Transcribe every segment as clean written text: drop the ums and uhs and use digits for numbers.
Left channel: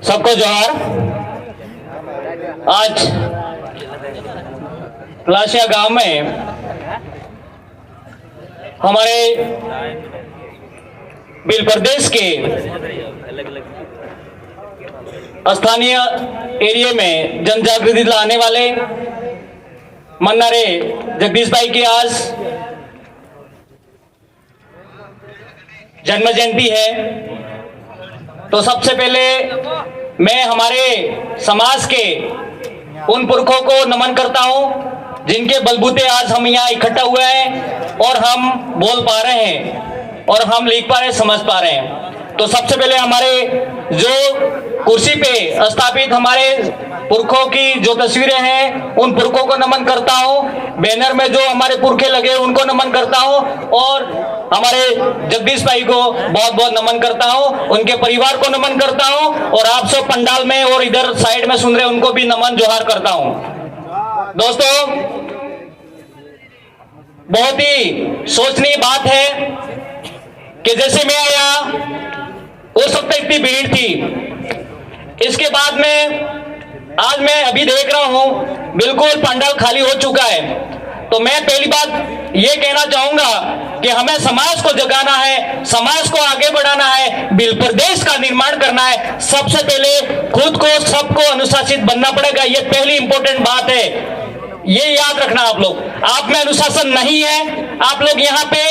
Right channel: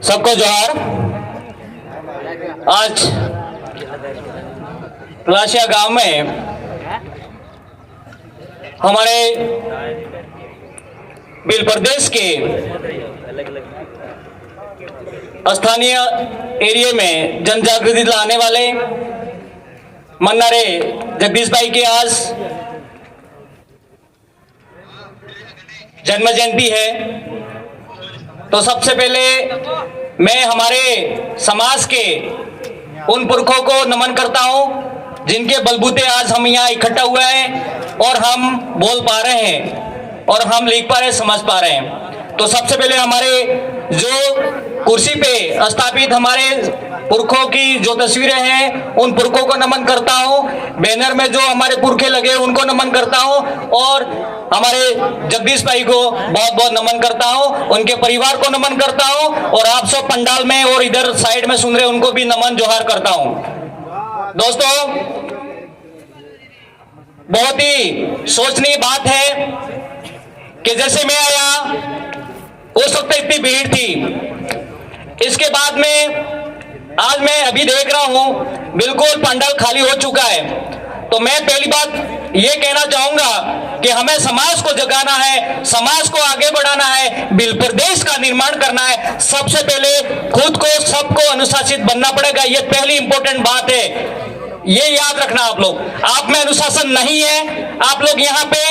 सबको जोहार। आज पलाशिया गांव में हमारे बिल प्रदेश के स्थानीय एरिया में जन जागृति लाने वाले मन्नारे जगदीश भाई की आज जन्म जयंती है। तो सबसे पहले मैं हमारे समाज के उन पुरखों को नमन करता हूं जिनके बलबूते आज हम यहाँ इकट्ठा हुए हैं और हम बोल पा रहे हैं और हम लिख पा रहे हैं, समझ पा रहे हैं। तो सबसे पहले हमारे जो कुर्सी पे स्थापित हमारे पुरखों की जो तस्वीरें हैं उन पुरखों को नमन करता हूं। बैनर में जो हमारे पुरखे लगे उनको नमन करता हूं और हमारे जगदीश भाई को बहुत बहुत नमन करता हूं, उनके परिवार को नमन करता हूं और आप सब पंडाल में और इधर साइड में सुन रहे उनको भी नमन जोहार करता हूं। दोस्तों, बहुत ही सोचनीय बात है कि जैसे मैं आया उस वक्त इतनी भीड़ थी, इसके बाद में आज मैं अभी देख रहा हूं बिल्कुल पंडाल खाली हो चुका है। तो मैं पहली बात ये कहना चाहूंगा कि हमें समाज को जगाना है, समाज को आगे बढ़ाना है, बिल प्रदेश का निर्माण करना है। सबसे पहले खुद को सबको अनुशासित बनना पड़ेगा, ये पहली इंपॉर्टेंट बात है। ये याद रखना आप लोग, आप में अनुशासन नहीं है, आप लोग यहाँ पे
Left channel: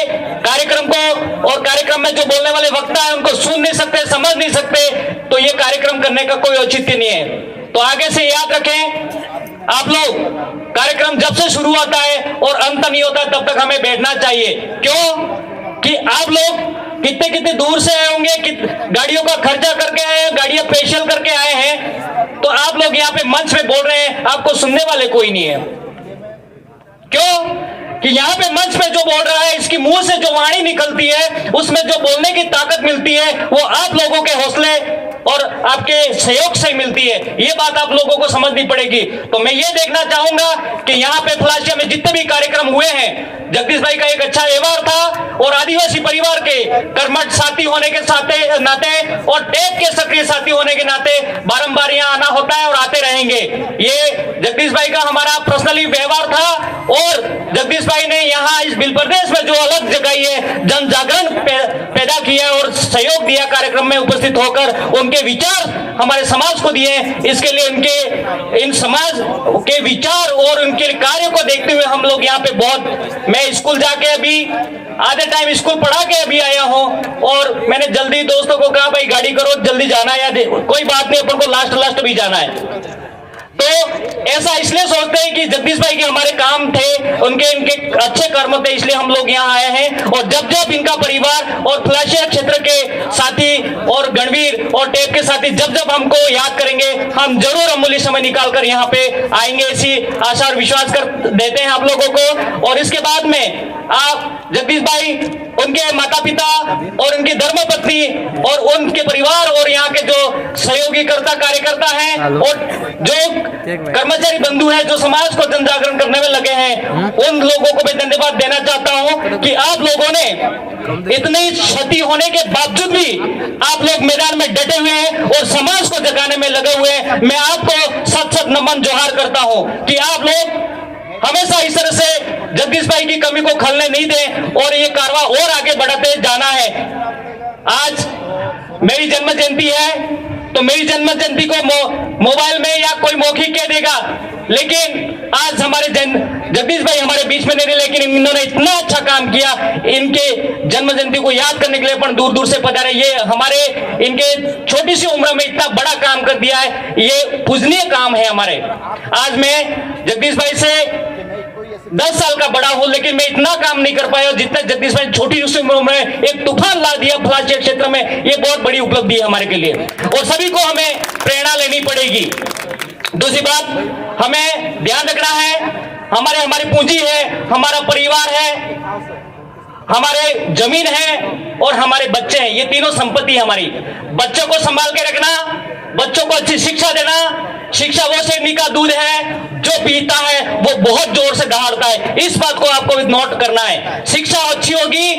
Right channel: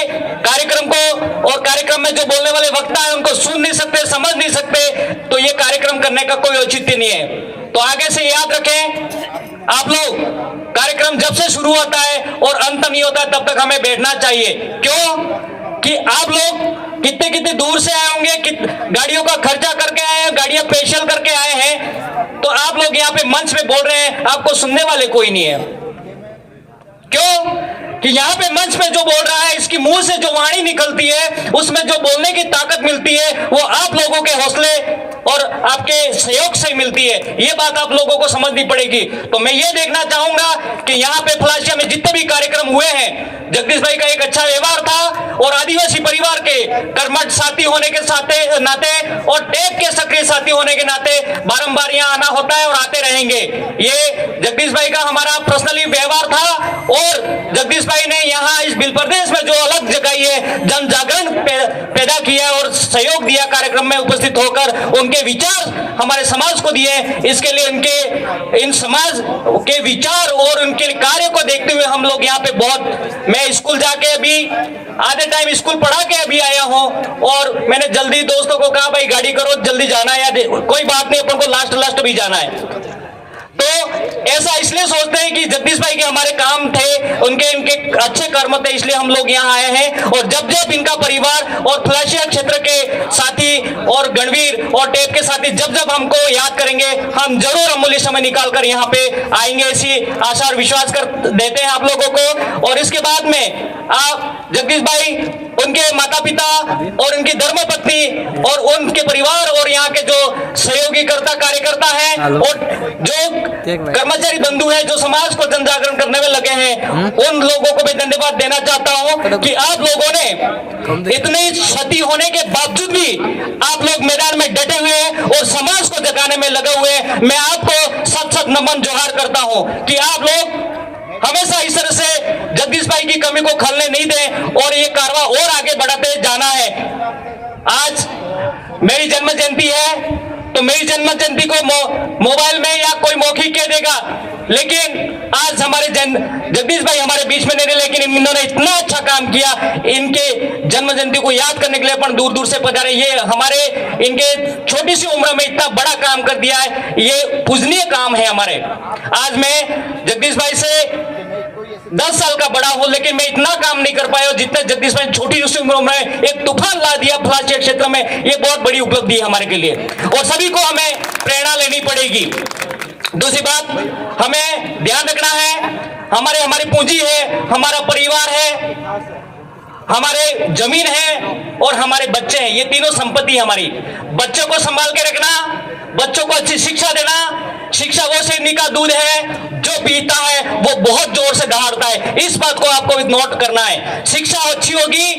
कार्यक्रम को और कार्यक्रम में जो बोलने वाले वक्ता है उनको सुन नहीं सकते, समझ नहीं सकते, तो ये कार्यक्रम करने का कोई औचित्य नहीं है। तो आगे से याद रखें, आप लोग कार्यक्रम जब से शुरू होता है और अंत नहीं होता तब तक हमें बैठना चाहिए। क्यों कि आप लोग कितने कितने दूर से आए होंगे, गाड़ियों का खर्चा करके आए हैं, गाड़ियां स्पेशल करके आए हैं, तो आप लोग यहाँ पे मंच पे बोल रहे हैं, आपको सुनने वाले कोई नहीं है। क्यों कि यहाँ पे मंच पे जो बोल रहा है, इसकी मुंह से जो वाणी निकलती है, उसमें जो बोलने की ताकत मिलती है, वो आप लोगों के हौसले और आपके सहयोग से मिलती है। ये बात आप लोगों को समझनी पड़ेगी। तो मैं ये देखना चाहूंगा कि यहाँ पे पलाशिया में जितने भी कार्यक्रम हुए हैं, जगदीश भाई का एक अच्छा व्यवहार था और आदिवासी परिवार के कर्मठ साथी होने के नाते और टेप के सक्रिय साथी होने के नाते बारंबार यहाँ आना होता है और आते रहेंगे। ये जगदीश भाई का हमारा पर्सनली व्यवहार था और जगदीश भाई ने यहाँ इस बिल प्रदेश में जो अलग जगाई है, जन जागरण पैदा किया और सहयोग दिया कार्यक्रम में उपस्थित होकर, उनके विचार हमारे समाज को दिए। इसके लिए इन समाज के विचार और उनके कार्य को देखते हुए हम लोग यहाँ पे बहुत, मैं स्कूल जाके अभी आधे टाइम स्कूल पढ़ा के अभी आया हूँ और मैंने जल्दी दोस्तों को कहा भाई गाड़ी करो, जल्दी जाना है, या कोई बात नहीं, अपन को लास्ट भी जाना है। तो ऐसा इसलिए सोचते हैं कि जगदीश भाई के हमारे काम थे, इनके अच्छे कर्म थे, इसलिए हम लोग यहाँ आए हैं। और जब जब इनका परिवार और पलाशिया क्षेत्र के साथी और गणवीर और टेप के साथी जब हमको याद करेंगे, हम जरूर अमूल्य समय निकाल कर यहाँ पे आएंगे, ऐसी आशा और विश्वास कर देते हैं आप लोगों को। और इसके बाद में आप जगदीश भाई, उनके माता पिता और उनकी धर्मपत्नी और उनके परिवार और यहाँ के जो सहयोगी कार्यकर्ता हैं और जो कर्मचारी बंधु हैं जो समाज को जन जागरण करने में लगे हैं, उन लोगों को मैं धन्यवाद देना चाहता हूं कि आप लोगों ने इतनी क्षति होने के बावजूद भी आप लोग मैदान में डटे हुए हैं और समाज को जगाने में लगे हुए हैं। मैं आपको सत नमन जोहार करता हूं कि आप लोग हमेशा इस तरह से जगदीश भाई की कमी को खलने नहीं दें और ये कारवा और आगे बढ़ाते जाना है। आज मेरी जन्म जयंती है, तो मेरी जन्म जयंती को मोबाइल में या कोई मौखिक कह देगा, लेकिन आज हमारे जगदीश भाई हमारे बीच में नहीं रहे, लेकिन इन्होंने इतना अच्छा काम किया, इनके जन्म जयंती को याद करने के लिए अपन दूर दूर से पधारे। ये हमारे इनके छोटी सी उम्र में इतना बड़ा काम कर दिया है, ये पूजनीय काम है हमारे। आज मैं जगदीश भाई से 10 साल का बड़ा हूं, लेकिन मैं इतना काम नहीं कर पाया जितना जगदीश भाई छोटी उम्र में एक तूफान ला दिया पलाशिया क्षेत्र में। ये बहुत बड़ी उपलब्धि है हमारे के लिए और सभी को हमें प्रेरणा लेनी पड़ेगी। दूसरी बात, हमें ध्यान रखना है, हमारी पूंजी है, हमारा परिवार है, हमारे जमीन है और हमारे बच्चे हैं, ये तीनों संपत्ति हमारी। बच्चों को संभाल के रखना, बच्चों को अच्छी शिक्षा देना। शिक्षा वो सेमी का दूध है, जो पीता है वो बहुत जोर से दहाड़ता है। इस बात को आपको नोट करना है। शिक्षा अच्छी होगी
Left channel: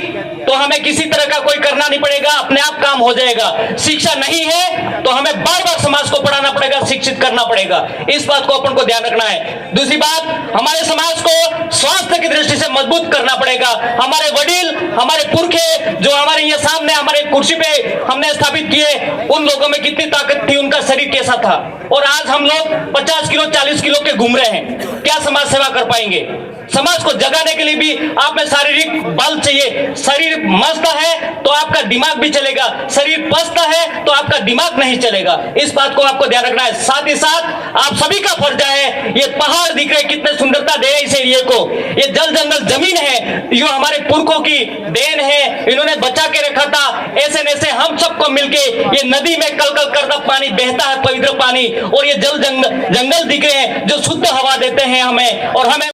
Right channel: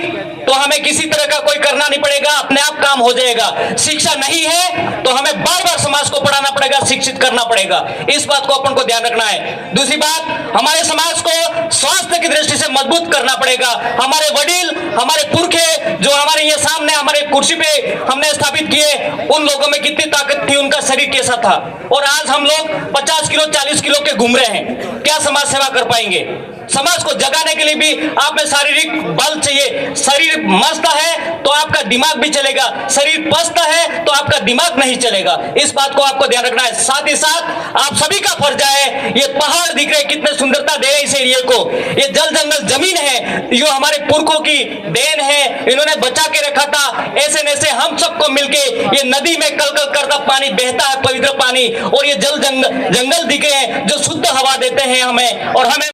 तो हमें किसी तरह का कोई करना नहीं पड़ेगा, अपने आप काम हो जाएगा। शिक्षा नहीं है तो हमें बार बार समाज को पढ़ाना पड़ेगा, शिक्षित करना पड़ेगा। इस बात को अपन को ध्यान रखना है। दूसरी बात, हमारे समाज को स्वास्थ्य की दृष्टि से मजबूत करना पड़ेगा। हमारे वडील, हमारे पुरखे जो हमारे ये सामने हमारे कुर्सी पे हमने स्थापित किए, उन लोगों में कितनी ताकत थी, उनका शरीर कैसा था, और आज हम लोग 50 किलो 40 किलो के घूम रहे हैं। क्या समाज सेवा कर पाएंगे? समाज को जगाने के लिए भी आप में शारीरिक बल चाहिए। शरीर मस्त है तो आपका दिमाग भी चलेगा, शरीर पस्त है तो आपका दिमाग नहीं चलेगा। इस बात को आपको ध्यान रखना है। साथ ही साथ आप सभी का फर्ज है, ये पहाड़ दिख रहे कितने सुंदरता दे इस एरिए को, ये जल जंगल जमीन है, जो हमारे पुरखों की देन है, इन्होंने बचा के रखा था। ऐसे ऐसे हम सबको मिलके ये नदी में कल कल करता पानी बहता है, पवित्र पानी, और ये जल जंगल दिख रहे हैं जो शुद्ध हवा देते हैं हमें, और हमें